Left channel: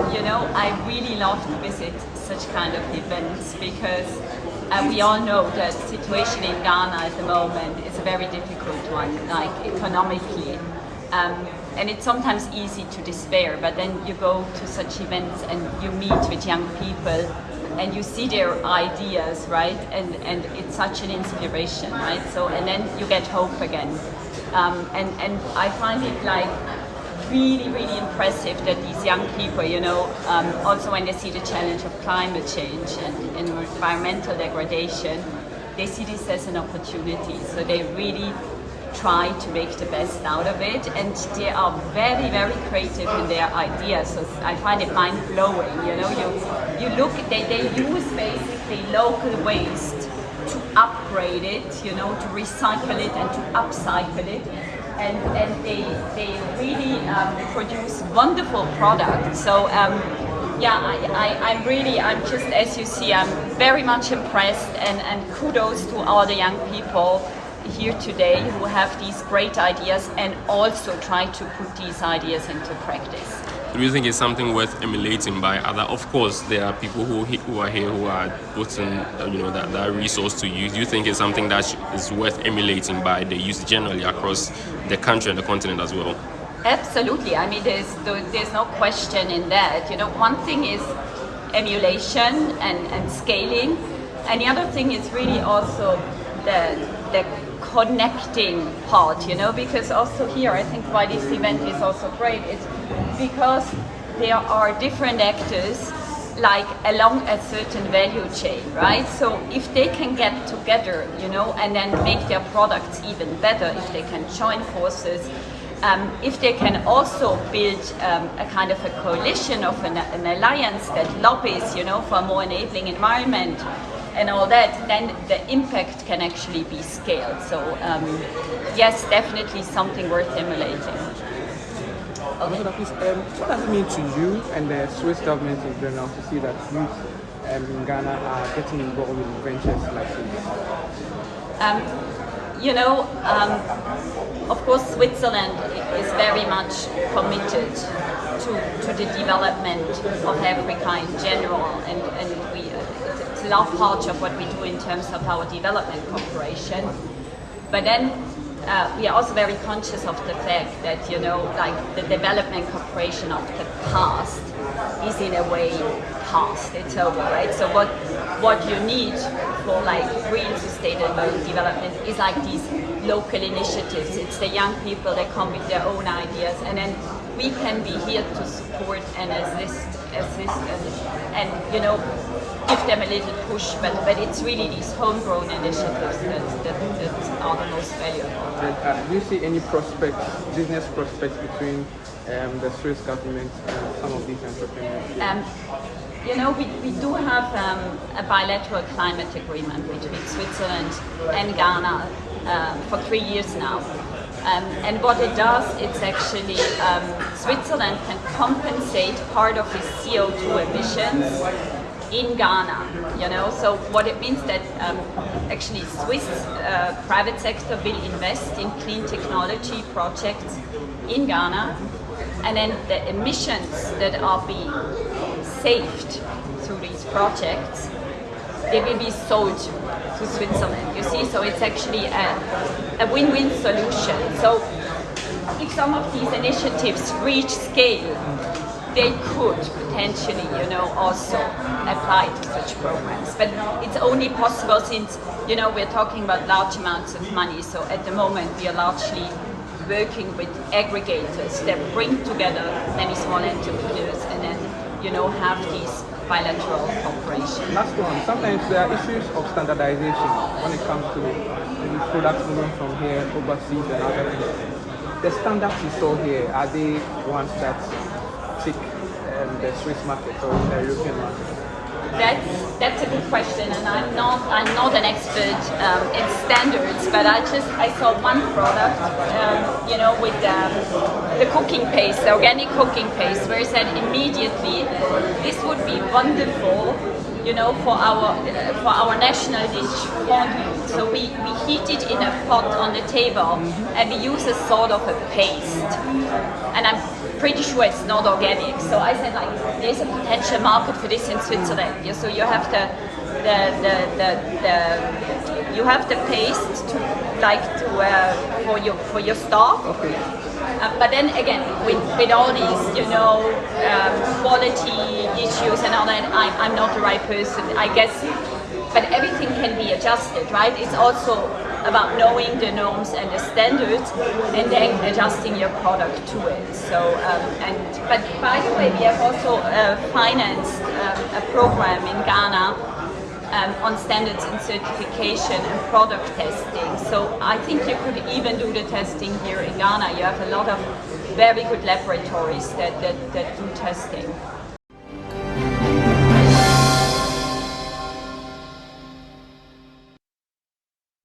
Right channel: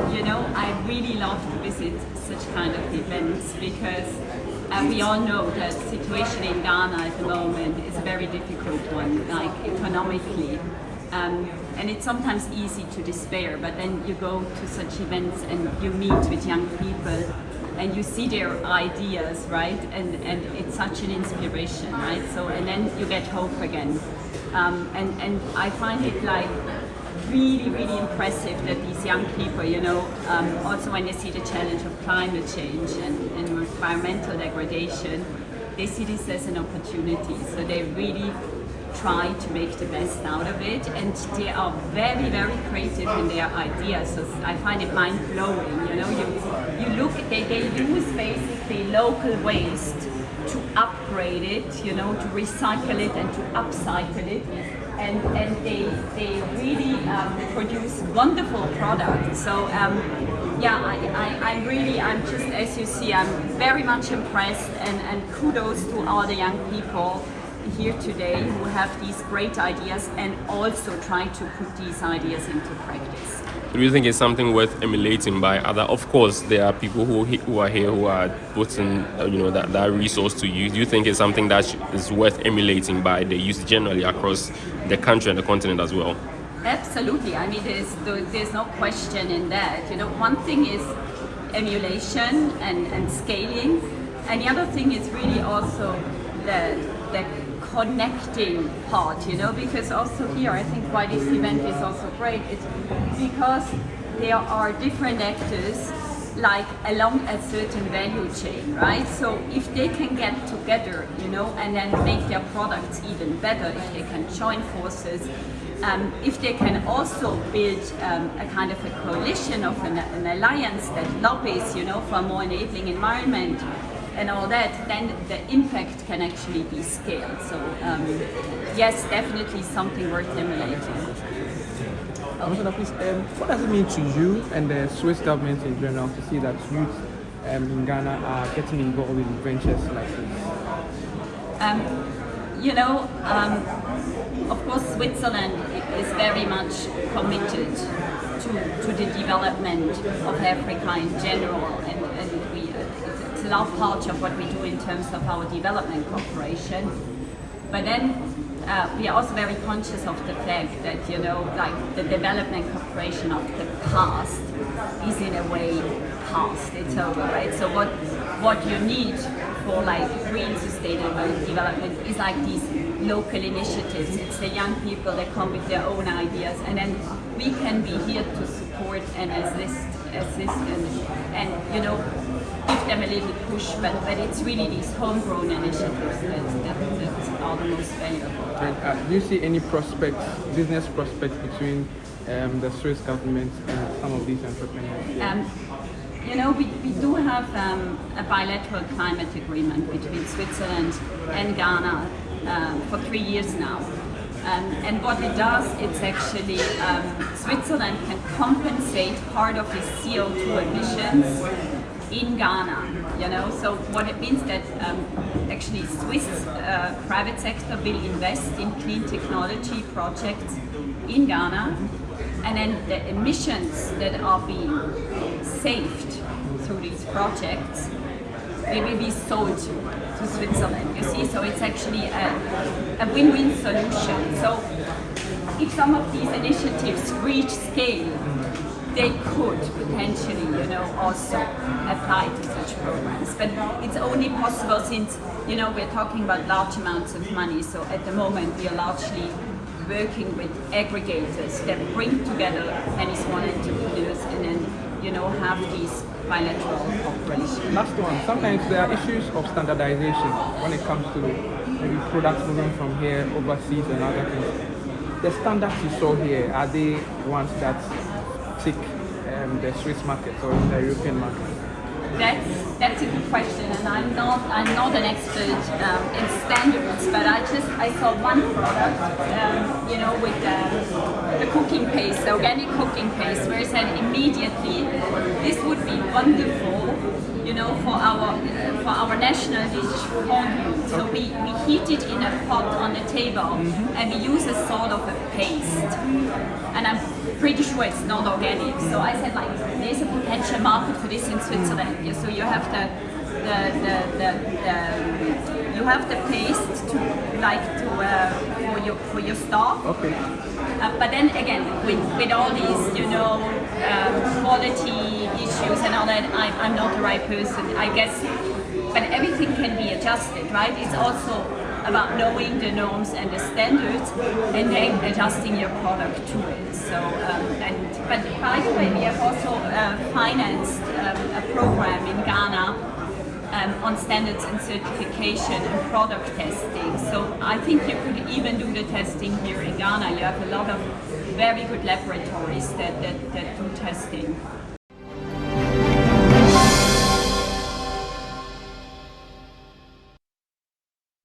I really love to visit such kind of events because we all know that the situation in Ghana at the moment is a very difficult one, like economically. And it's sometimes easy to despair, but then you go to such events and you meet with young people and you see their ideas, right? And it's such an inspiration, right? So, and then you get hope again. And I find it like really, really impressive that these young people, also when they see the challenge of climate change and environmental degradation, they see this as an opportunity. So they really try to make the best out of it, and they are very, very creative in their ideas. So I find it mind-blowing. You look, they use basically local waste to upgrade it, to recycle it and to upcycle it. And they really produce wonderful products. So I'm just, as you see, I'm very much impressed, and kudos to all the young people here today who have these great ideas and also try to put these ideas into practice. Do you think it's something worth emulating by other? Of course, there are people who are here who are putting that resource to use. Do you think it's something that is worth emulating by the youth generally across the country and the continent as well? Absolutely. I mean, there's no question in that. One thing is emulation and scaling, and the other thing is really also the connecting part, because also here I think why this event is also great is because there are different actors like along a certain value chain, right? So if they can get together, and then make their products even better, if they can join forces, if they can also build a kind of a coalition of an alliance that lobbies, for a more enabling environment, and all that, then the impact can actually be scaled. So yes, definitely something worth emulating. Okay. What does it mean to you and the Swiss government in general to see that youth in Ghana are getting involved in ventures like this? Of course, Switzerland is very much committed to the development of Africa in general, and it's a large part of what we do in terms of our development cooperation. But then we are also very conscious of the fact that, like the development cooperation of the past is in a way past, it's over, right? So what you need for like real sustainable development is like these local initiatives. It's the young people that come with their own ideas, and then we can be here to support and assist and give them a little push, but it's really these homegrown initiatives that are the most valuable. Do you see any business prospects between the Swiss government and some of these entrepreneurs? We do have a bilateral climate agreement between Switzerland and Ghana for 3 years now. And what it does, it's actually Switzerland can compensate part of its CO2 emissions in Ghana, So what it means that actually Swiss private sector will invest in clean technology projects in Ghana, and then the emissions that are being saved through these projects, they will be sold to Switzerland, you see, so it's actually a win-win solution. So if some of these initiatives reach scale, they could potentially, also apply to such programs. But it's only possible since, we're talking about large amounts of money. So at the moment, we are largely working with aggregators that bring together many small entrepreneurs and then, have these bilateral cooperation. Last one. Sometimes there are issues of standardization when it comes to maybe products moving from here overseas and other things. The standards you saw here, are they ones that tick the Swiss market or the European market? That's a good question, and I'm not an expert in standards, but I saw one product, with the cooking paste, the organic cooking paste, where it said immediately this would be wonderful, for our national dish fondue. So we heat it in a pot on the table, and we use a sort of a paste, and I'm pretty sure it's not organic. So I said, like, there's a potential market for this in Switzerland. Yeah, so you have you have the paste to for your stock. Okay. But then again, with all these, you know, quality issues and all that, I'm not the right person, I guess. But everything can be adjusted, right? It's also about knowing the norms and the standards, and then adjusting your product to it. So, but by the way, we have also financed a program in Ghana on standards and certification and product testing. So I think you could even do the testing here in Ghana. You have a lot of very good laboratories that do testing.